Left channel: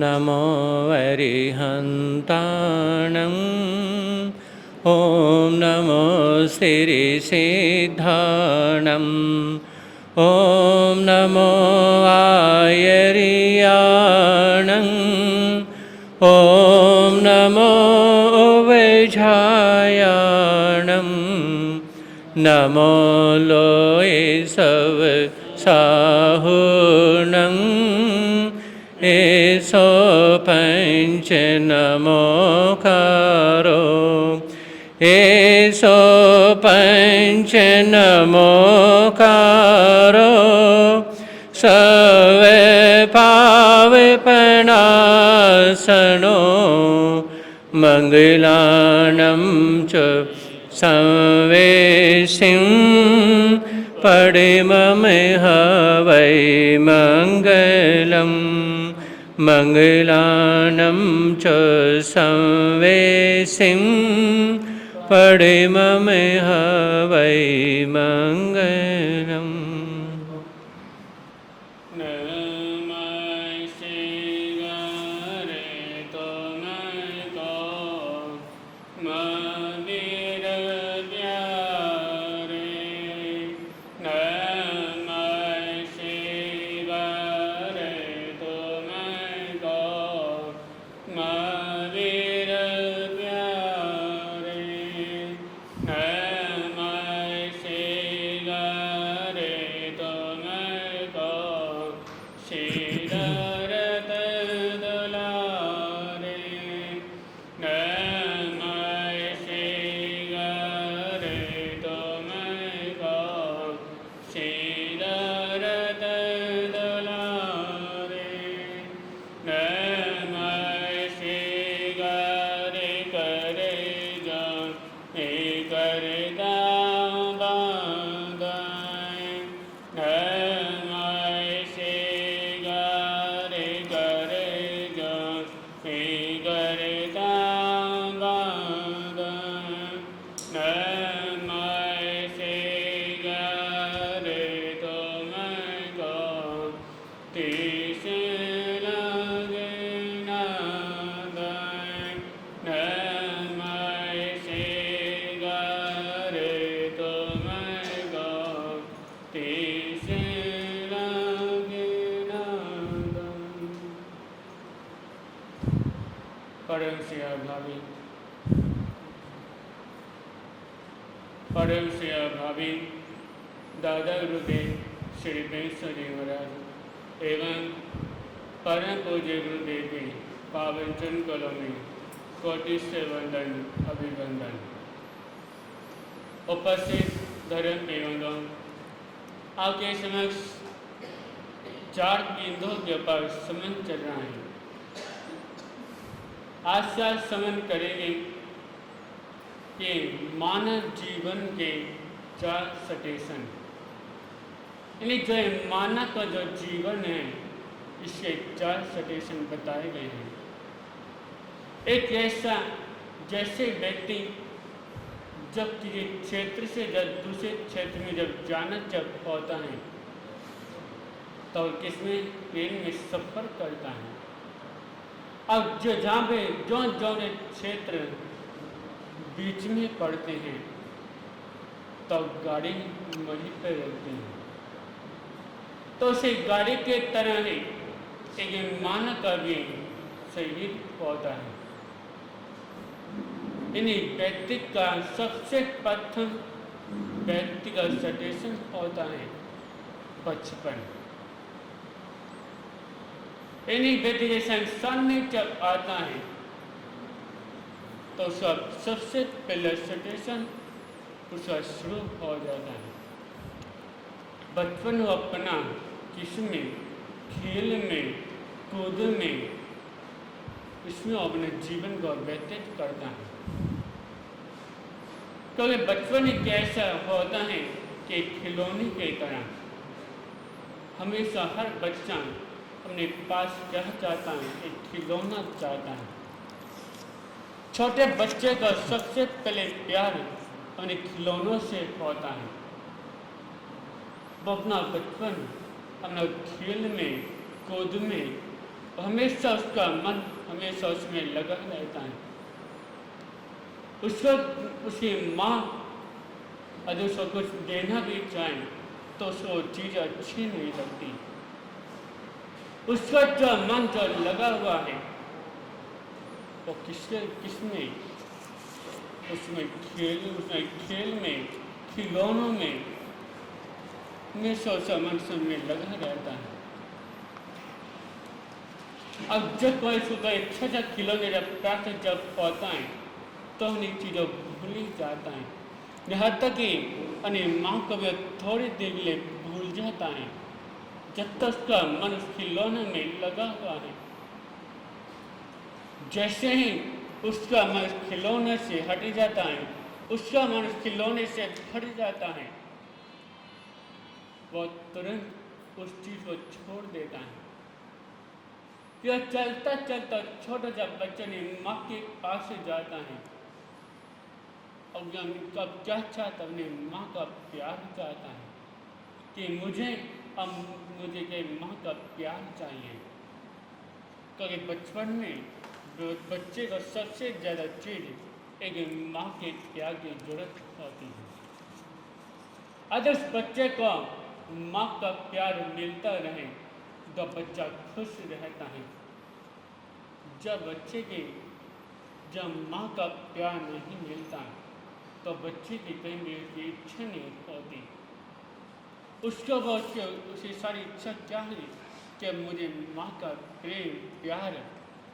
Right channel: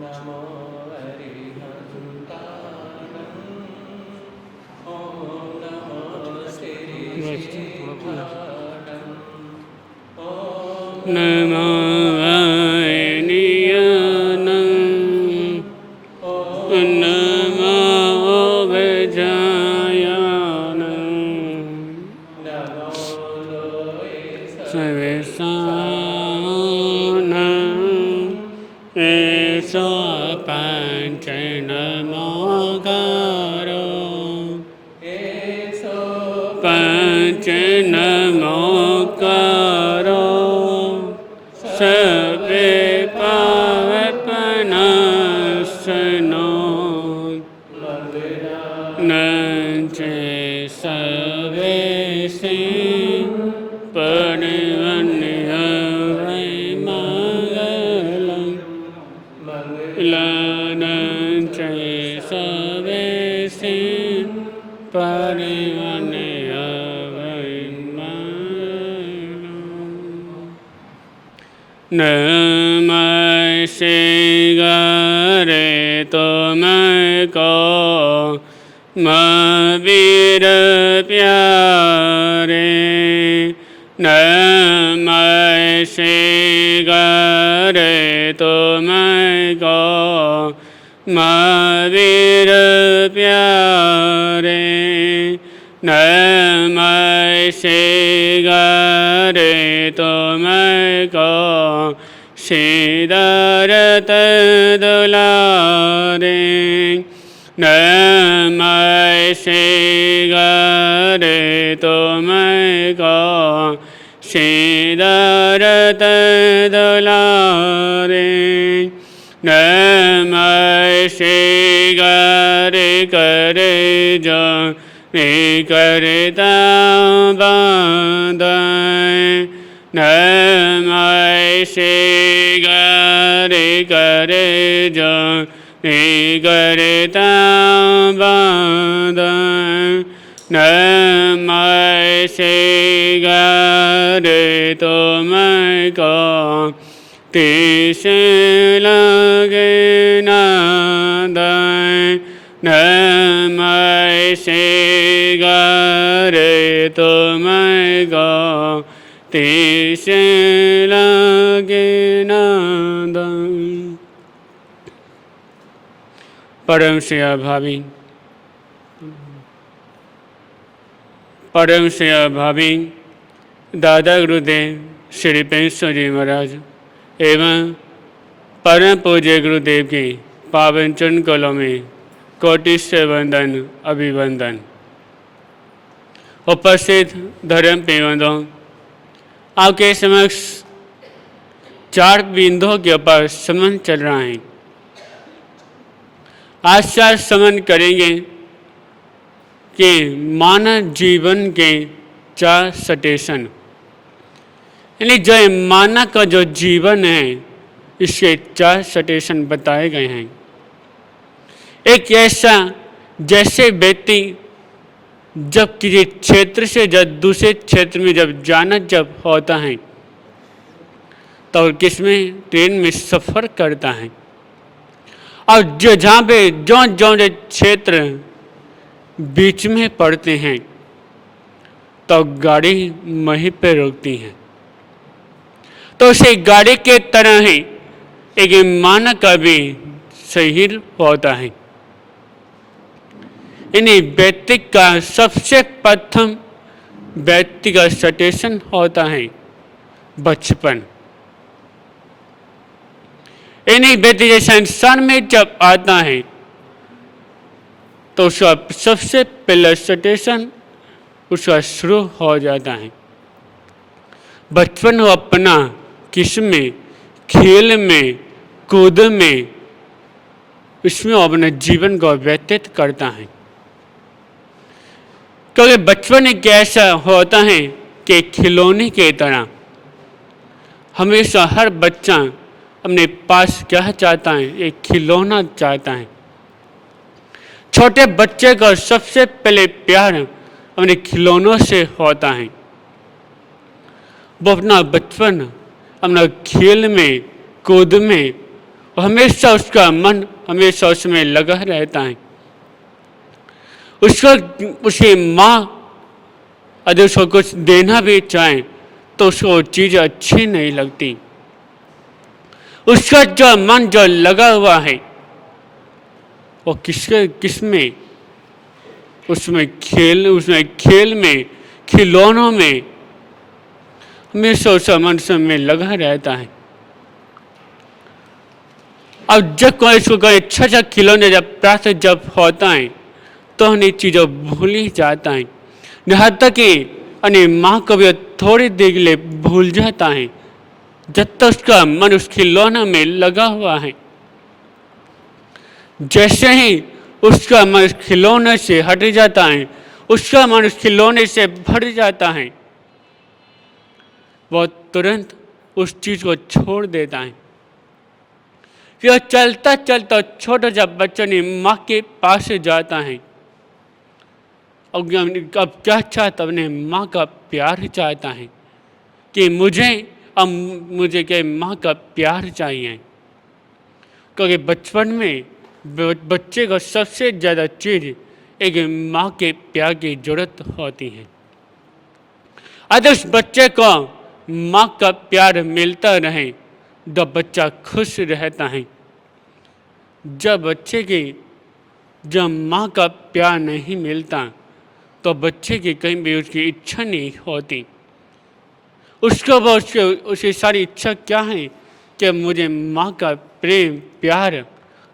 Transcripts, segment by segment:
नमो वरिहन्ताणम् ॐ नमो सिरिसिद्धाणम् ॐ नमो आयर्याणम् ॐ नमो वैझायाणम् नमो लोये सवसाहुणम् एसो पञ्च नमोकारो एसो पञ्च नमोकारो सवे पावपनासनो मङ्गलानं च संवेशिं पडिममिह वै मङ्गलम् मङ्गलानं च संवेशिं पडिममिह वै मङ्गलम्। नमः शिवाय तुमको वीर प्यारे नमः शिवाय तुमको वीर प्यारे नमः शिवाय तुमको सिद्धार्थ दुलारे नमः शिवाय तुमको सिद्धार्थ दुलारे नमः शिवाय करे जो करता बांधाय नमः शिवाय करे जो करता बांधाय नमः शिवाय तुमको तीस लगे नादाय नमः शिवाय तुमको तीस लगे नादाय। परम सेवा भावी दादा गुरुदेव श्री पेंसो जी महाराज एवं परम पूज्य गुरुदेव की पावन चरण कलों में कोटि से वंदन अभिवंदन। उपस्थित धर्म पेवंदों, आपके समक्ष चार बिंदुओं के ऊपर समन चल रहा है। आज चार समन करेंगे कि मानव जीवन के चार स्टेशन, यानी जो मानव का जो जीवन है इसके चार स्टेशन बताए गए हैं। एक ऐसा जैसे व्यक्ति जब किसी क्षेत्र से जब दूसरे क्षेत्र में जब जाना जब होता है तो किसमें ट्रेन में सफ़र करता है और जो जहाँ पे जो क्षेत्र बीच में पड़ते हैं तो गाड़ी वहीं पे रोकती है। तो उसे गाड़ी के तरह ही एक मानव का भी शरीर होता है। यानी व्यक्ति का सबसे प्रथम व्यक्ति का स्टेशन होता है बचपन। यानी व्यक्ति जैसा इंसान में जब आता है तो उसका सबसे पहला स्टेशन उसका शुरू हो जाता है। बचपन वो अपना किसमें खेल में कूद में इसमें वो अपने जीवन को व्यतीत करता है। क्योंकि बचपन एक ऐसा होता है कि खिलौने के तरह हमेशा हर बच्चा अपने पास क्या चाहता है, एक खिलौना चाहता है। छोटे बच्चे का सबसे पहले प्यार अपने खिलौनों से होता है। वो अपना बचपन अपना खेल में कूद में हमेशा उसका मन हमेशा उसमें लगा रहता है। उसको उसकी माँ यदि उसको कुछ देना भी चाहे तो उसको वो चीज़ अच्छी नहीं लगती। उसका जो मन जो लगा हुआ है वो किसमें, उसमें खेल में, खिलौनों में हमेशा उसका मन में लगा रहता है। अब जब कोई अच्छा खिलौने जब प्राप्त जब होता है तो उन्हें चीज़ों भूल ही जाता है। यहाँ तक कि अन्य माँ को भी थोड़ी देर के लिए भूल जाता है जब तक उसका मन उस खिलौने में लगा हुआ है। जैसे ही उसका मन उस खिलौने से हट जाता है, उसका मन उस खिलौने से भर जाता है, वो तुरंत उस चीज़ को छोड़ देता है। फिर चलता चलता छोटा सा बच्चा ने माँ के पास जाता है। अब क्या चाहता, अपने माँ का प्यार चाहता है कि मुझे क्या माँ का प्यार चाहिए। क्योंकि बचपन में बच्चे को सबसे ज़्यादा चीज़ एक माँ के प्यार की जरूरत होती है। अगर उस बच्चे को माँ का प्यार मिलता रहे तो बच्चा खुश रहता है। जब माँ का प्यार नहीं मिलता तो बच्चे की कहीं भी उसकी इच्छा नहीं होती। उसकी सारी इच्छा क्या है कि मुझे माँ का प्रेम, प्यार,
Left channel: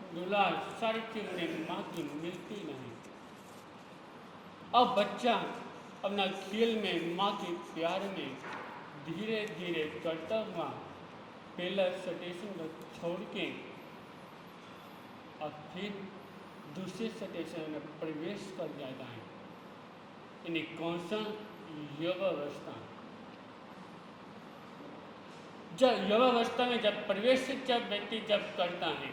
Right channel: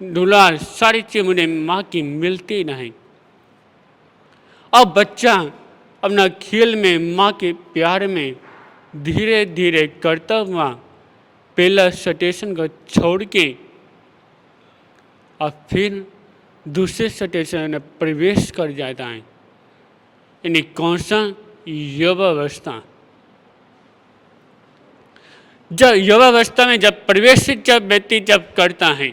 दुलार, सारी चीज़ मुझे माँ की मिलती नहीं। अब बच्चा अपना खेल में, माँ के प्यार में धीरे धीरे करता हुआ पहला स्टेशन को छोड़ के और फिर दूसरे स्टेशन में प्रवेश कर जाता है। यानी कौन सा? युवावस्था। जब युवावस्था में जब प्रवेश जब व्यक्ति जब करता है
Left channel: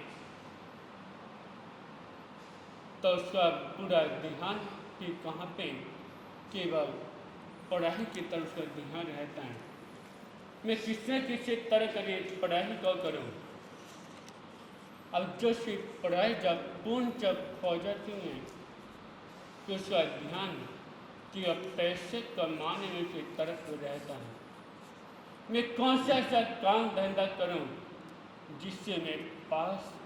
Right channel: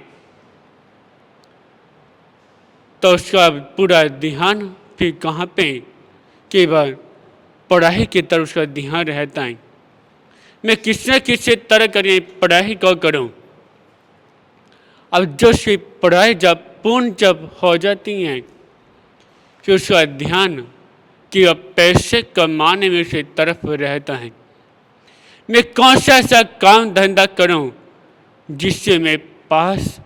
तो उसका पूरा ध्यान फिर कहाँ पे? केवल पढ़ाई की तरफ उसका ध्यान रहता है। मैं किसी न किसी तरह करिए पढ़ाई को करूं। अब जो सी पढ़ाई जब पूर्ण जब हो जाती है फिर उसका ध्यान कि अब पैसे कमाने में से तरफ रहता है। मैं कौन सा ऐसा काम धंधा करूं जिससे मेरे पास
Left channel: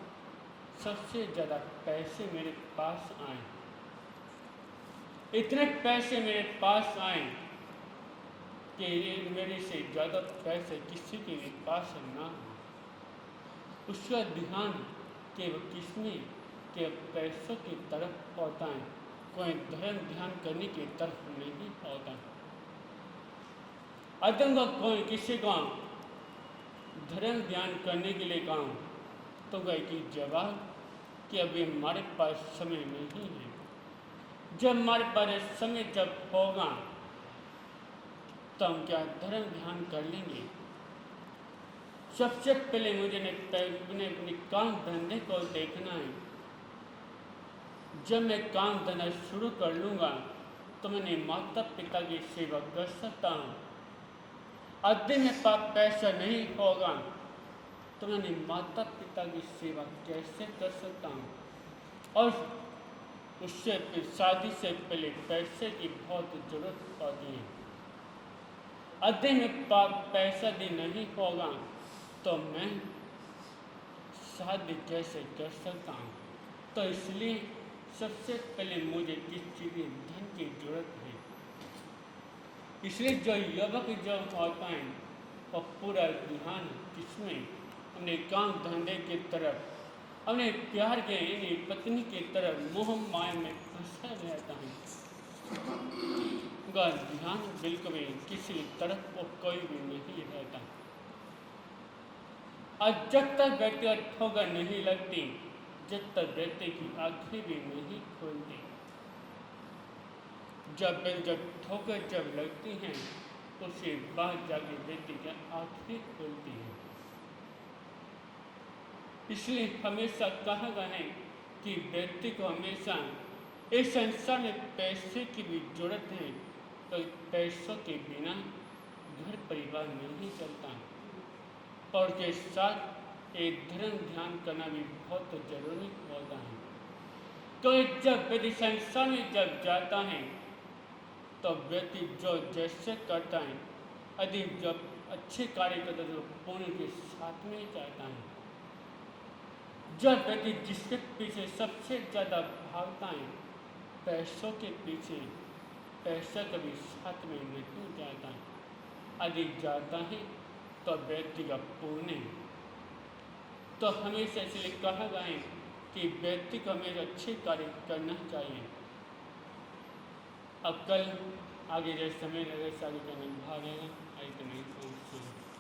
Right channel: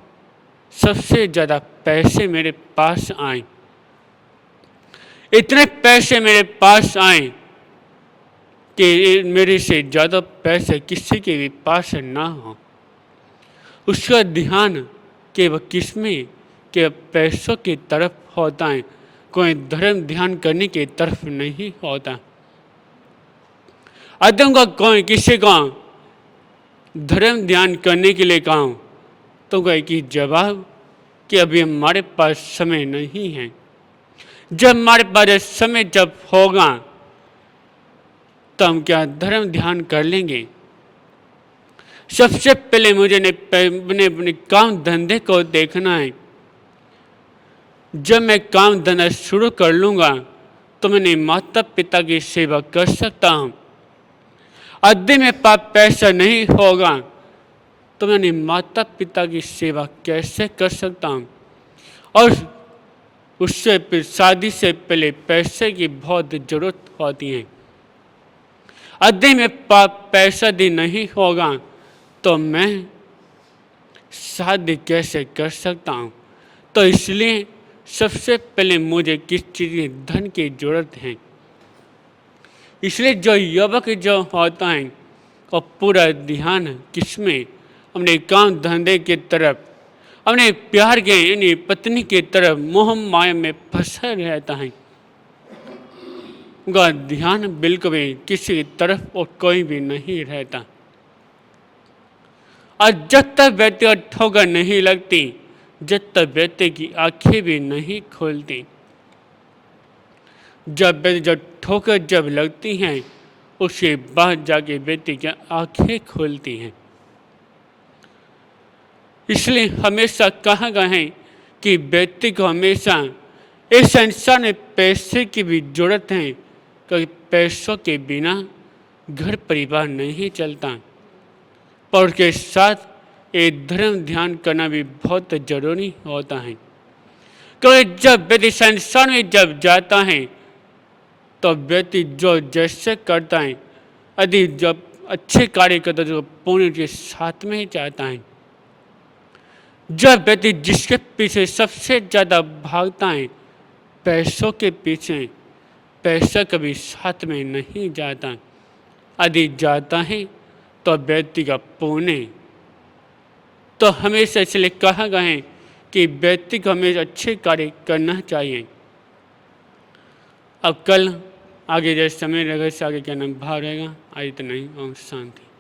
सबसे ज़्यादा पैसे मेरे पास आए, इतने पैसे मेरे पास आए कि मेरे से ज़्यादा पैसे किसी के भी पास ना हो। उसका ध्यान केवल किसमें? के पैसों की तरफ होता है, कोई धर्म ध्यान करने की तरफ नहीं होता। आदम का कोई किसी को धर्म ध्यान करने के लिए कहा तो कहे कि जवाब कि अभी हमारे पास समय नहीं है। जब हमारे पास समय जब होगा तो हम क्या धर्म ध्यान कर लेंगे। सबसे पहले मुझे अपने काम धंधे को देखना है। जब मैं काम धंधा शुरू कर लूँगा तो मैंने माता पिता की सेवा कर सकता हूँ। यदि मेरे पास पैसा नहीं होगा तो मैंने माता पिता की सेवा कैसे कर सकता हूँ। और उससे फिर शादी से पहले पैसे की बहुत ज़रूरत होती है। यदि मेरे पास पैसा भी नहीं होगा तो मैं शादी कैसे कर सकता हूँ। तो इसलिए सबसे पहले मुझे किस चीज़ की धन की ज़रूरत है। इसलिए जो युवक जो होता है वो पूरा ध्यान किसमें? अपने काम धंधे की तरफ, अपने प्यार के यानी पत्नी की तरफ मोह माया में फंसा रहता है। उनका ध्यान बिल्कुल भी किसी तरफ और कोई भी नहीं रहता। और जब तक व्यक्ति को ठोकर नहीं लगती, जब तक व्यक्ति की आंखें भी नहीं खोलती। जब ठोकर जब लगती हैं उसके बाद जाके व्यक्ति की आंखें खोलती हैं। इसलिए हमेशा कहा गया है कि व्यक्ति को हमेशा इस संसार में पैसे की भी जरूरत है, क्योंकि पैसों के बिना घर परिवार नहीं चलता। पर उसके साथ ये धर्म ध्यान करना भी बहुत जरूरी होता है। क्योंकि जब व्यक्ति संसार में जब जाता है तो व्यक्ति जो जैसे करता है, यदि जब अच्छे कार्य करता है तो पुण्य के साथ में ही जाता है। जब व्यक्ति जिसके पीछे सबसे ज़्यादा भागता है, पैसों के पीछे, पैसा कभी साथ में नहीं जाता। यदि जाता है तो व्यक्ति का पुण्य। तो हमेशा इसलिए कहा गया है कि व्यक्ति को हमेशा अच्छे कार्य करना चाहिए। अब कल आगे जैसे समय रहेगा, इससे आगे क्या नाम भाव रहेगा। आज इतना ही। ओम शांति।